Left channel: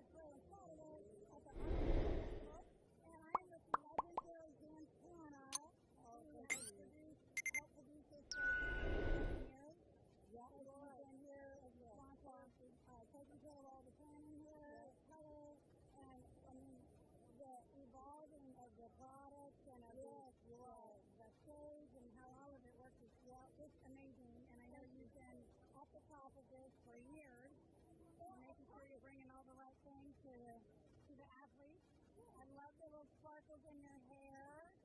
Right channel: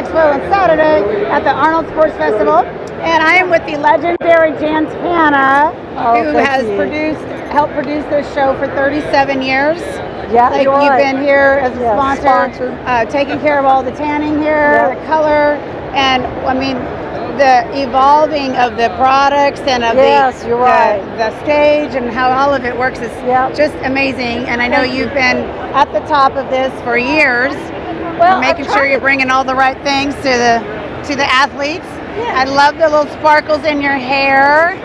Expo on Saturday at the Arnold Sports Festival. And I am with the legendary Jantana, who has helped produce this show for 37 years. Yeah, like you've been here as a sponsor, taking care of all the tanning here, the color, and I mean the evolving of the products and of the stage and how all of it works is just amazing. And I know you've been at the top of this for years, making sure you're bringing all the right things to the athletes. I love the little sparkles in your hair.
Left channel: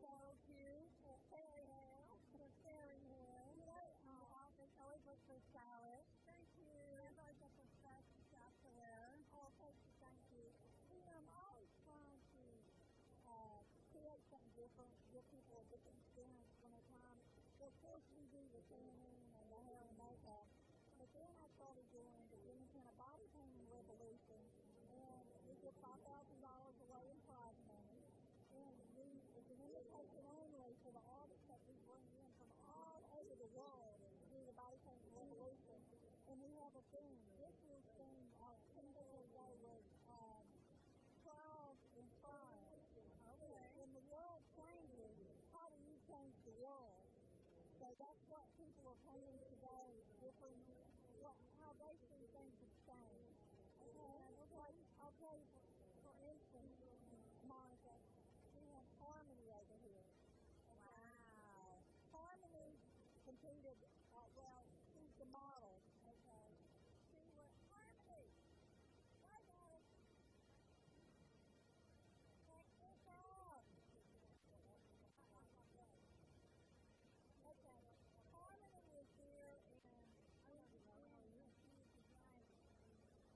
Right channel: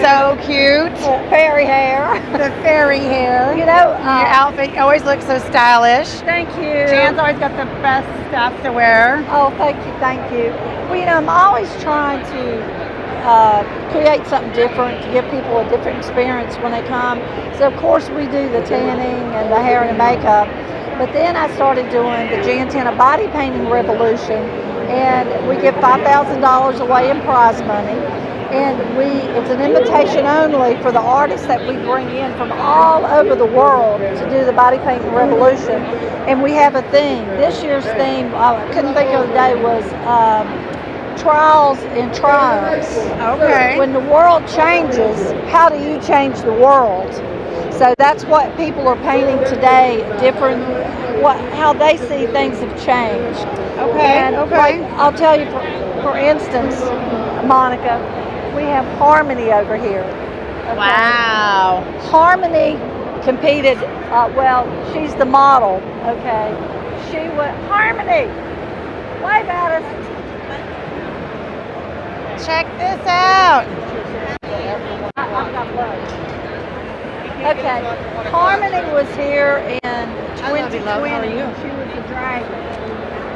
So cute. Fairy hair. The fairy hair. You know, your outfit always looks so stylish. Thank you. Jan's always got the best stuff to wear. Oh, thank you. Well, you know, I'm always trying to create something different, to give people a different experience when they come. So, of course, we do the tanning and the hair and the makeup. But then I started doing the Jantana body painting revolution, and we give $5,000 away in prize money. And it's an invitation only for the artists that we bring in from all over the world to do the body painting revolution. And we have a theme. This year's theme, I couldn't think of the day, was trials and triumphs. Okay. When the world changes, how do you change the world? So that's what people are painting today, different, how they see things have changed. Okay, and like, I'll tell you, for instance, Monica, we have Harmony over here. Okay? Wow. Harmony competed, she's the model, okay? Harmony, wave at us. Check this out. I've got blood. Okay, Harmony was here in 2020. How are you? She was a dragon.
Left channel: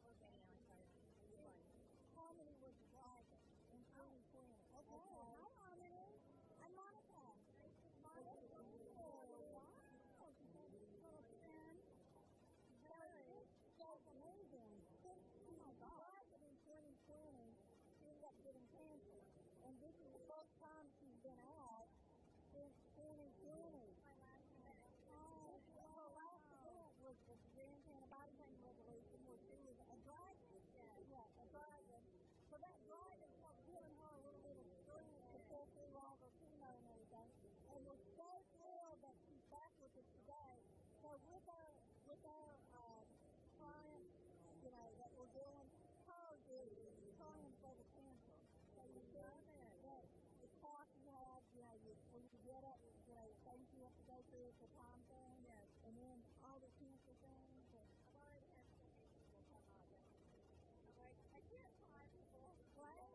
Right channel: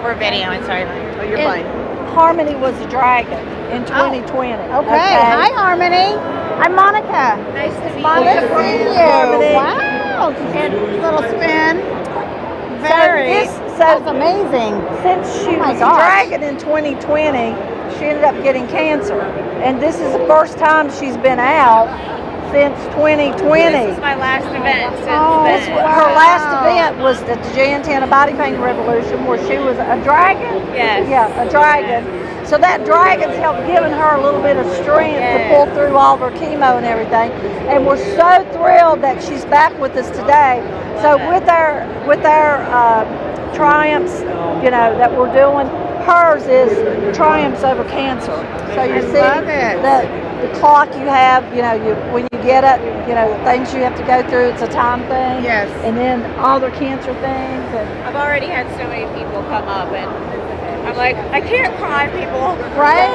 We're videoing, sorry. Oh, you're fine. Harmony was a dragon in 2020. Okay. Hi, Harmony. I'm Monica. Nice to meet you. Nice to see you. Harmony. Wow. And little spin. That's amazing. Since she was a dragon in 2020, she ended up getting cancer. And this is the first time she's been out since 2020. This is my last event since then. Her last event was the Jantana Body Painting Revolution, where she was a dragon. Yes. Yeah, a dragon. So that dragon's helped giving her a little bit of strength to pull through all of her chemo and everything. And we're so thrilled that she's back with us today. So with our triumphs, you know, that we're doing, hers is triumphs over cancer. So you see the clock you have, you know, when you get it, you know, the things you have to go through, it's a time thing. Yes. And then all their cancer things. And I've already had so many people come up, and I'm like, I can't cry, people. Right?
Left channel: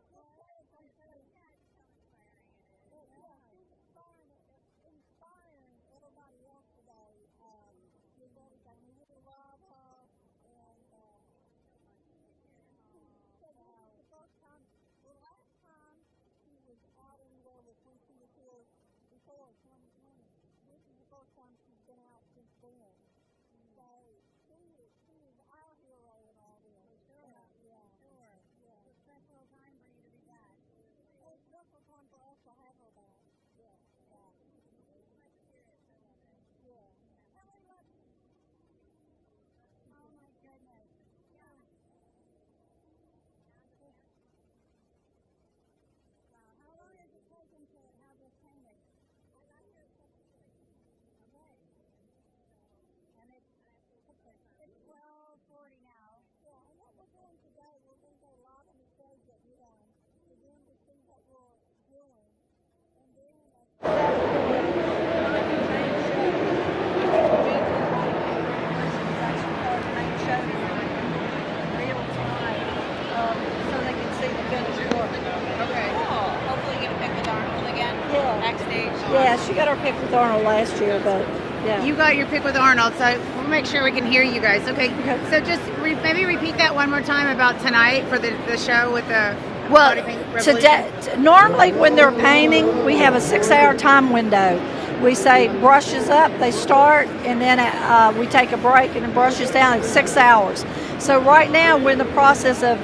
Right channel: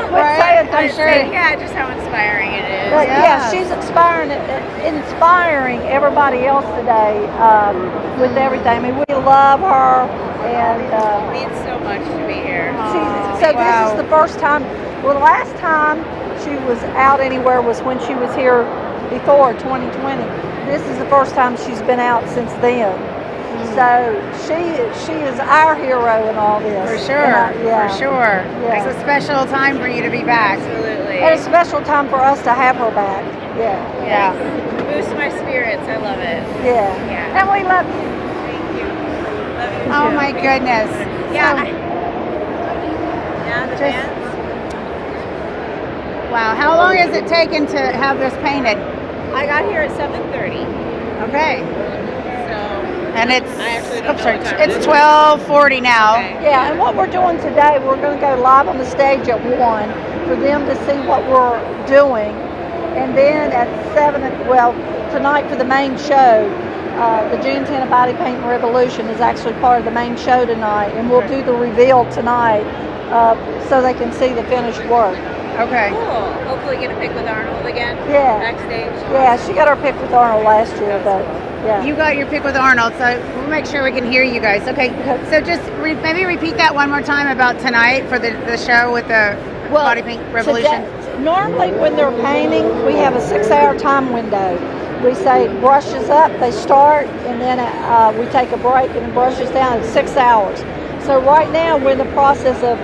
I'm sure. Yeah, just how inspiring it is. But yeah, she's inspiring everybody else today with everything. I mean, we love her, and it means so much to be here. This is the first time. Well, the last time she was out anywhere was when she was here before 2020. This is the first time she's been out since then. So she is our hero in all this. For sure. For sure. Yeah. It's a special time for you to be back. Absolutely. And a special time for us to have her back. Yeah. Boost my spirits. I love it. Yeah. And we love you. Thank you. Love you too. Oh my goodness. Yeah. The fans. Wow. How long has it taken to have this painted? I got here at 7:30. Okay. And it's it's 12:40 now. Okay. Yeah, and what we're doing today, we're going to go live on the stage at 1 for them to see what we're doing. And then at 7, tonight for the main show, the Jantana Body Painting Revolution is actually part of the main show tonight. And we'll do the reveal tonight so they can see the finished work. Okay. Cool. Hopefully get a pic with Arnold again. Yeah. Backstage. Yeah, she got her pic with Arnold last year, but yeah. You got your pic with Arnold, so we'll make sure we can hear you guys. Okay. So just maybe repeat that one more time about tonight for the show with the body paint revolution. Normally when they're painting, we have a 6-hour time window. We say brushes up, they start, and then we take a break and it brushes down at 6 hours. So right now we're in the process of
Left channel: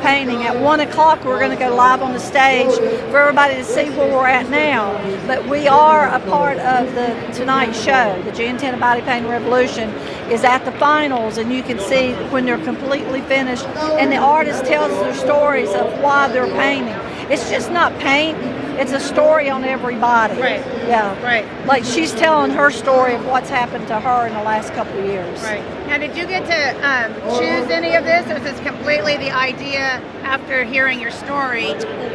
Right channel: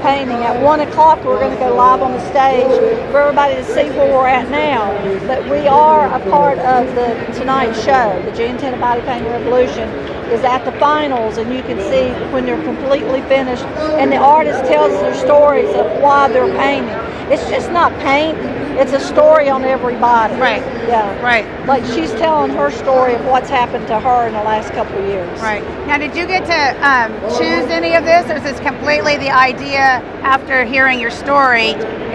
painting. At 1 o'clock we're going to go live on the stage for everybody to see where we're at now. But we are a part of the tonight's show, the Jantana Body Painting Revolution. is at the finals, and you can see when they're completely finished, and the artist tells their stories of why they're painting. It's just not paint, it's a story on everybody. Right. Yeah. Right. Like she's telling her story of what's happened to her in the last couple of years. Right. Now, did you get to choose any of this, or is this completely the idea after hearing your story,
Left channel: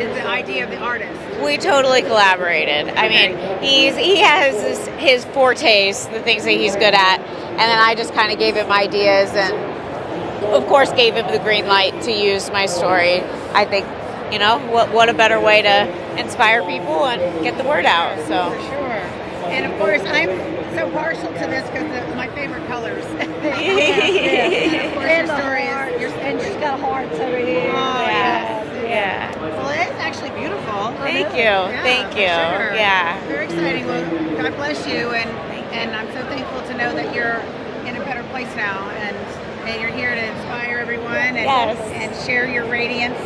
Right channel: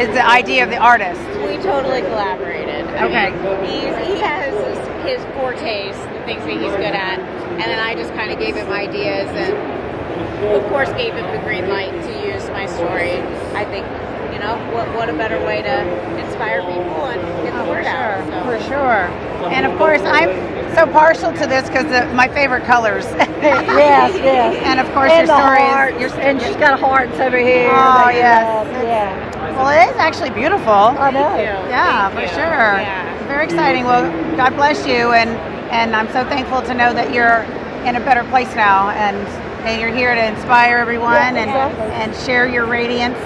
is the idea of the artist? We totally collaborated. I mean, he has his fortes, the things that he's good at, and then I just kind of gave him ideas, and of course gave him the green light to use my story. I think, you know, what a better way to inspire people and get the word out. So For sure. And of course, I'm so partial to this because of my favorite colors. Yes. And of course, And your the story heart, is... and she's got hearts over here. Oh, yes. Yeah. Well, it is actually beautiful. I know. thank you. Yeah, Thank you. for sure. Yeah. Very exciting. Well, God bless you, and I'm so thankful to know that you're in a better place now, and you're here to inspire everyone and share your radiance.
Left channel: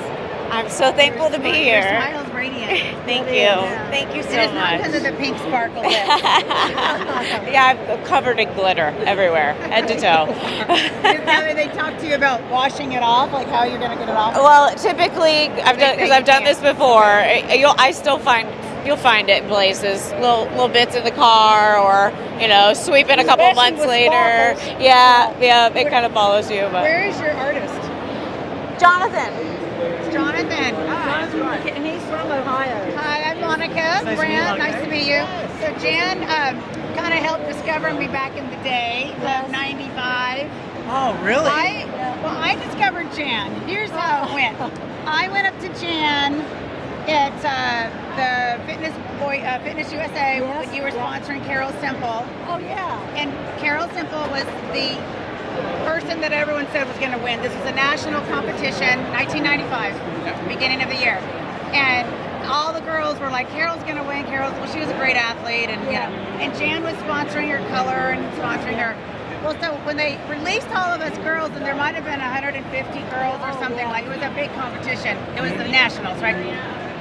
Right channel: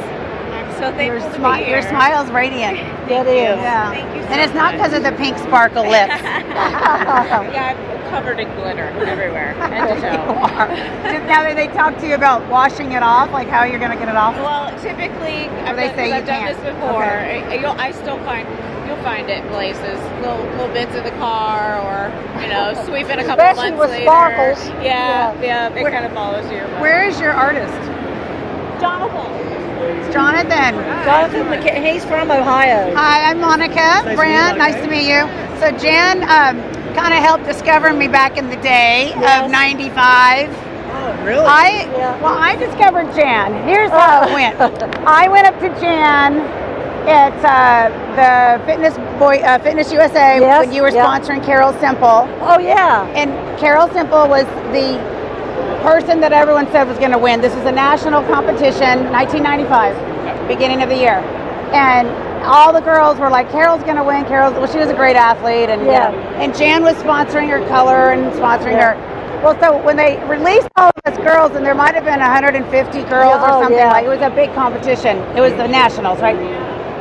I'm so thankful to be here. Your smile's radiant. Thank you. Yeah. Thank you so much. And it's not because of the pink sparkle lips. Yeah, I'm covered in glitter everywhere, head to toe. Now that they talk to you about washing it off, like how you're going to get it off? Well, typically, I've done this before. Okay. You'll find it in places, little bits in the car, or sweeping a couple Especially months with later. sparkles. Yeah, it kind of follows you. But. Where is your artist? Jonathan? Jonathan. Jonathan, he's from Ohio. Hi, I'm Monica Brant. Nice to meet you. So Jan kind of helped discover me back in the day of '95. Oh, really? I discovered Jan. Here's how it went. I went up to Jan at the Fitness USA when you were sponsoring Carol Simple. Oh, yeah. And Carol Simple was the person that everyone said was going to win. This was a national competition, 1995, beginning of the year. And all the girls were like, Carol's going to win. She was a great athlete. And, and Jan was sponsoring her color and sponsoring her. Well, so when they released all of us girls, and there might have been 150 girls or something, like it was a big competition. It was the nationals, right?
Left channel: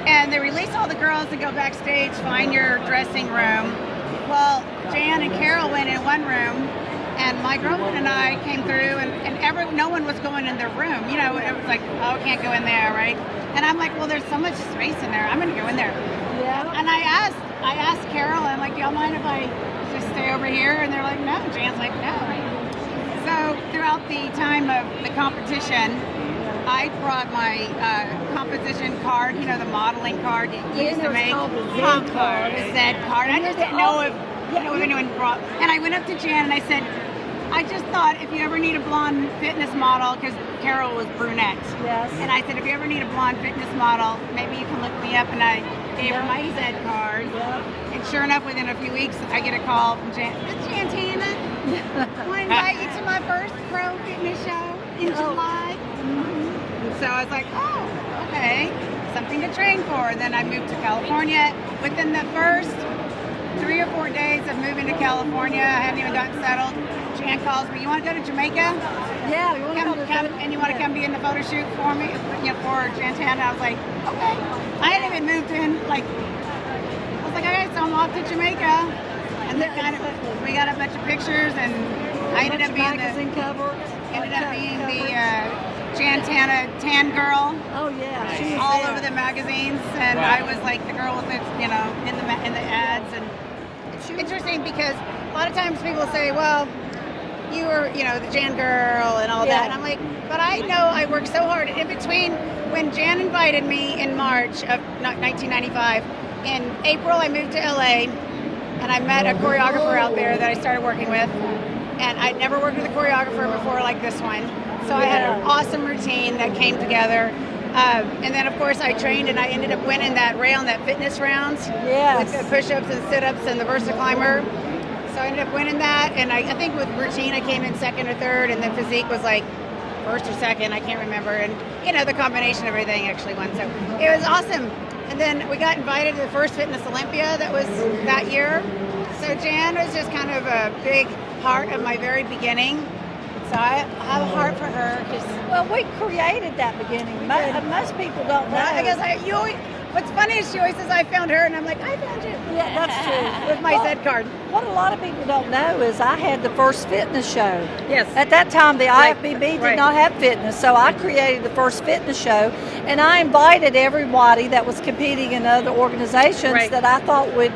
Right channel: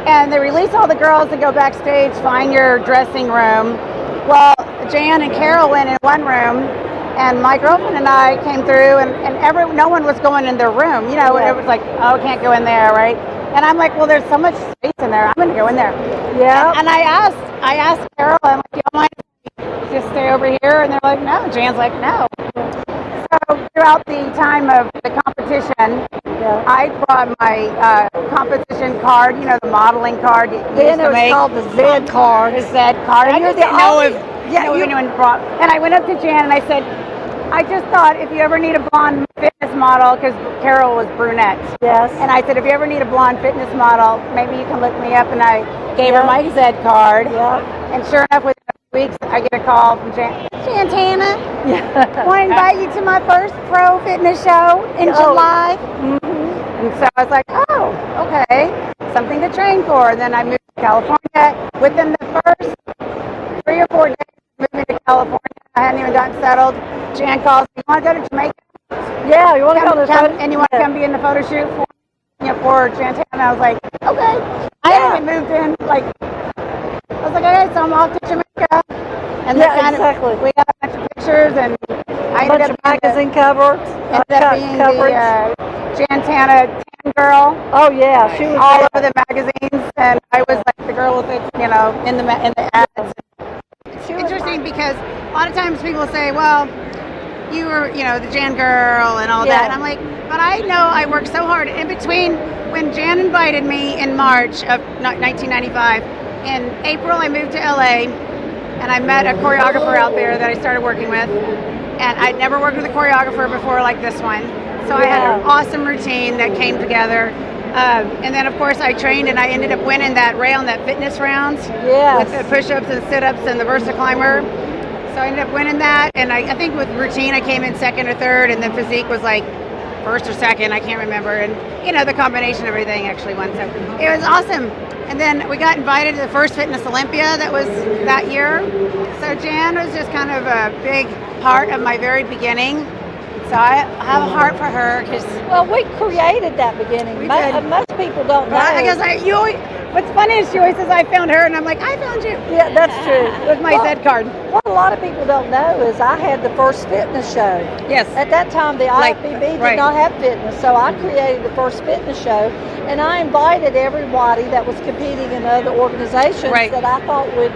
And they released all the girls to go backstage, find your dressing room. Well, Jan and Carol went in one room, and my girlfriend and I came through, and no one was going in their room. It was like, oh, can't go in there, right? And I'm like, well, there's so much space in there. I'm going to go in there. Yeah. And I asked Carol, I'm like, do you mind if I just stay over here? And they're like, no. Jan's like, no. So throughout the time of the competition, I brought my composition card, the modeling card you used to make. It was called the Z card. The Z card. And I you're just didn't the know only- if anyone brought. And I went up to Jan and I said, I just thought if you ever need a blonde fitness model, because Carol was brunette. Yes. And I said, if you ever need a blonde fitness model, maybe you can look me up. And I gave her my Z card. And sure enough, within a few weeks, I get a call from Jantana. I want to invite you to my first pro fitness show in July. And so I was like, oh, okay, something to train for. And then I moved to California. Within the first 3 or 4 days of moving to California, I hadn't even gotten settled. Jan calls me, you want to go to Jamaica? Yeah, you want to come and you want to come be in the photo shoot for me, for Jantana? I was like, okay. I hadn't even moved in, I was like, okay, so I'm off to Jamaica. And then we got a bunch of pictures, and I ended up being magazine covers. the Jantana tan girl. Oh yeah, she was all over the magazines, and I was like the girl with it, in the ads. And it's interesting because a lot of times people say, well, you were, the Jan girl and all that. And I'm like, but I know I worked so hard in between when Jan invited me in March of 1995. In April, I moved to LA, and I met a choreographer out there that I started working with. And I'd never worked with a choreographer before like this one. So I had an awesome routine that came together. And then, of course, I trained, and I ended up winning that fitness rounds with the push-ups and sit-ups and the VersaClimber. So I ended up winning that, and I think with routine I came in second or third, and then physique was like first or second, I can't remember. And the combination of everything actually won. So it was awesome. And then we got invited to the first Fitness Olympia that was that year. So Jan was just kind of a big part of my very beginning. So I have a heart for her because we created that beginning. Most people don't know. I guess What's funny is she always says, I found her, and I'm like, I found you. Yeah, that's true. With my Z card. What a lot of people don't know is I had the first fitness show. Yes. At that time, the IFBB did not have fitness, so I created the first fitness show, and I invited everybody that was competing in other organizations that I thought would,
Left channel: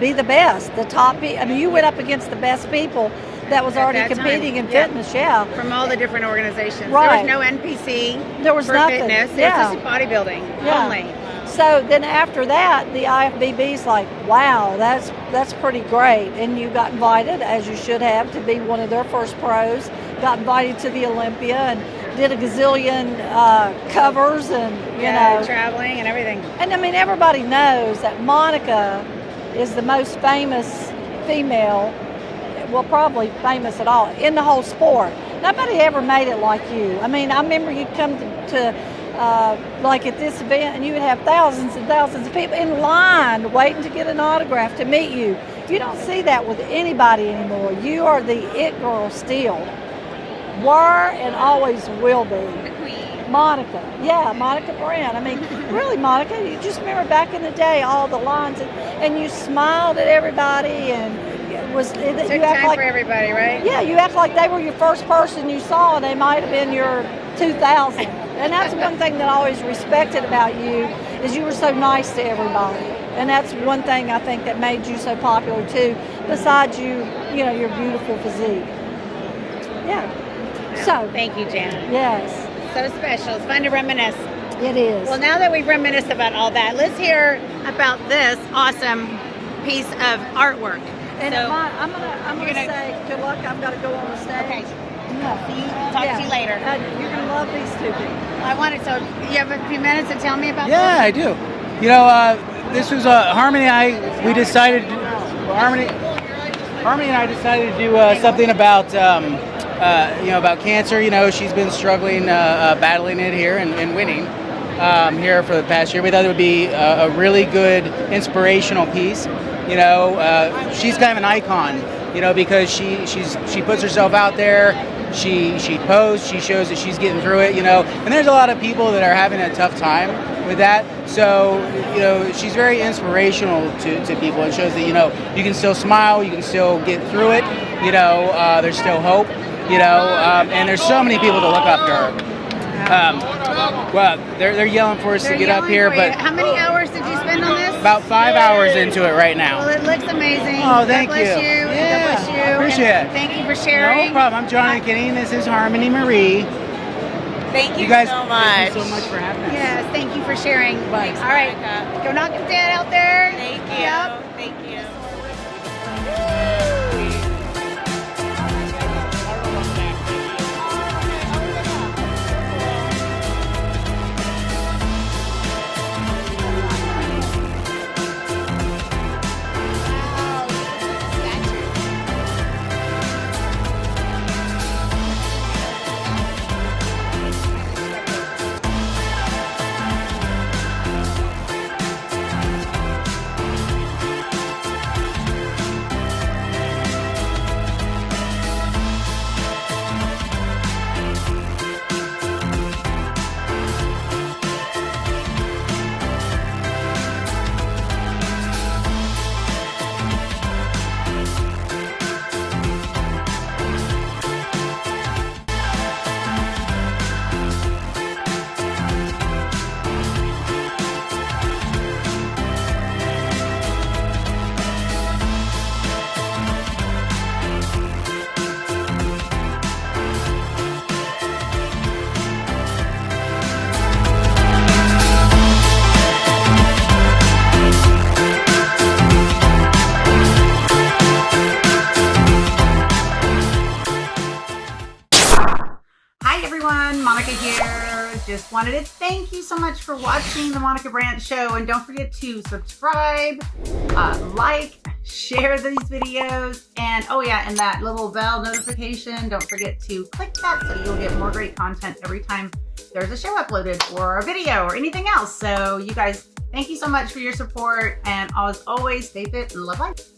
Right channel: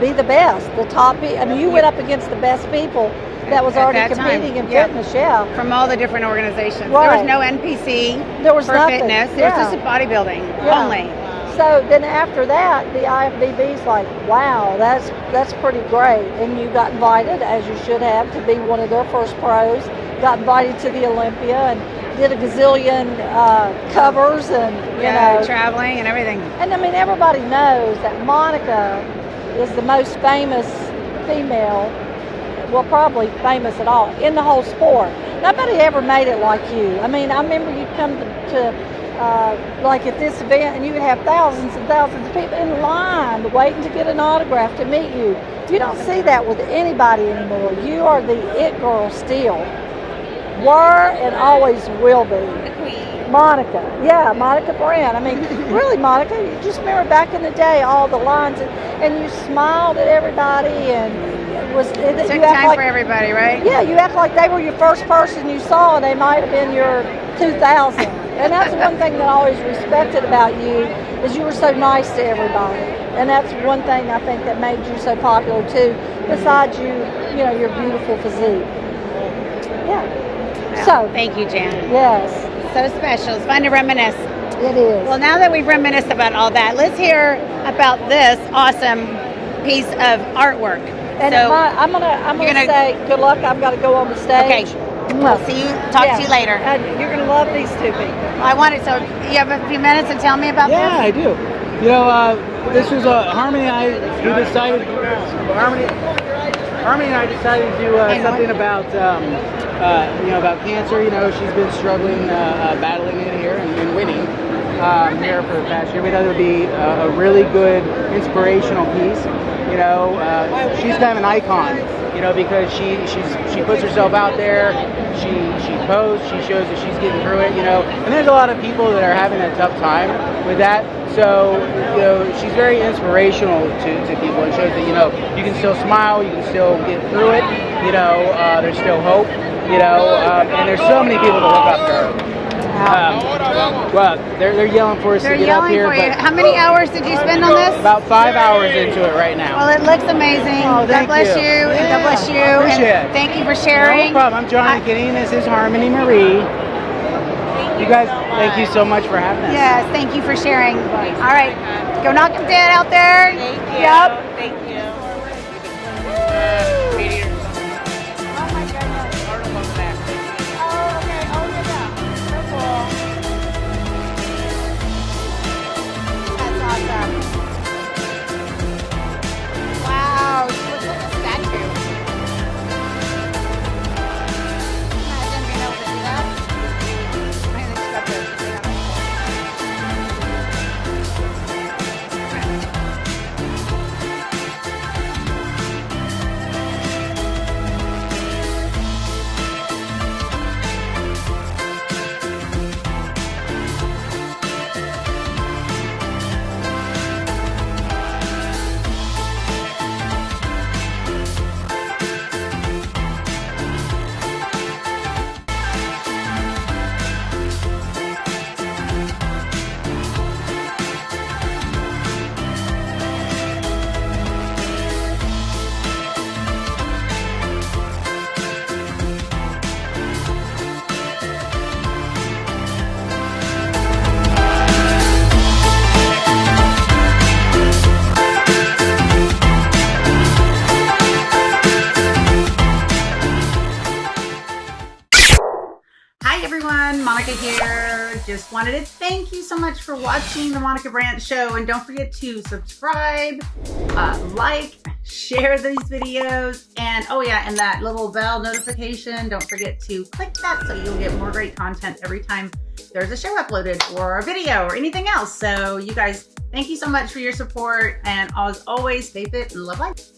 be the best, the top. I mean, you went up against the best people that was already competing in fitness, From all the different organizations. Right. There was no NPC. There was nothing. Fitness. Yeah. It was just bodybuilding. Yeah. Only. So then after that, the IFBB's like, wow, that's pretty great. And you got invited, as you should have, to be one of their first pros. Got invited to the Olympia and did a gazillion covers and, traveling and everything. And I mean, everybody knows that Monica is the most famous female, well, probably famous at all, in the whole sport. Nobody ever made it like you. I mean, I remember you'd come to like at this event, and you would have thousands and thousands of people in line waiting to get an autograph to meet you. You don't see that with anybody anymore. You are the it girl still. Were and always will be. The queen. Monica. Yeah, Monica Brant. I mean, really, Monica, you just remember back in the day, all the lines, and you smiled at everybody, and Took time for everybody, right? Yeah, you act like they were your first person you saw, and they might have been your 2000. And that's one thing that I always respected about you, is you were so nice to everybody. And that's one thing I think that made you so popular too, besides your beautiful physique. Yeah. So thank you, Janet. Yes. So special. It's fun to reminisce. It is. Well, now that we've reminisced about all that, let's hear about this awesome piece of artwork. And so I'm gonna say good luck. I've got to go on the stage. Okay. We'll see you. Talk to you later. You're gonna love these two people. I want it. So you have a few minutes to tell me about this? Yeah, I do. This is Harmony and I who decided. Harmony and I decided to do something about about cancer. She's been struggling, battling it here and winning here for the past year. We thought it would be a really good inspirational piece. She's kind of an icon, because she puts herself out there, she posts, she shows that she's getting through it, and there's a lot of people that are having a tough time with that. So, she's very inspirational to people. It shows that, you can still smile, you can still get through it, there's still hope, and there's so many people to look up to. Well, they're yelling for us to get up here, but how many hours did you spend on this? About 5 hours into it right now. Well, it looks amazing. Oh, thank God bless you. you. Yeah, God bless you. appreciate it. Thank you for sharing. No problem. I'm John and Kitty, and this is Harmony Marie. Thank you guys, so much. Thank you so much for having me. Yes, thank you for sharing. Thanks, all right, Monica. go knock them dead out there. Yep. Thank you. Monica here. Just wanted to thank you so much for watching the Monica Brant Show, and don't forget to subscribe, like, share these videos, and oh yeah, and that little bell notification, don't forget to click that so you'll get more great content every time there's a show uploaded or a video or anything else. So you guys, thank you so much for your support, and as always, stay fit and love life.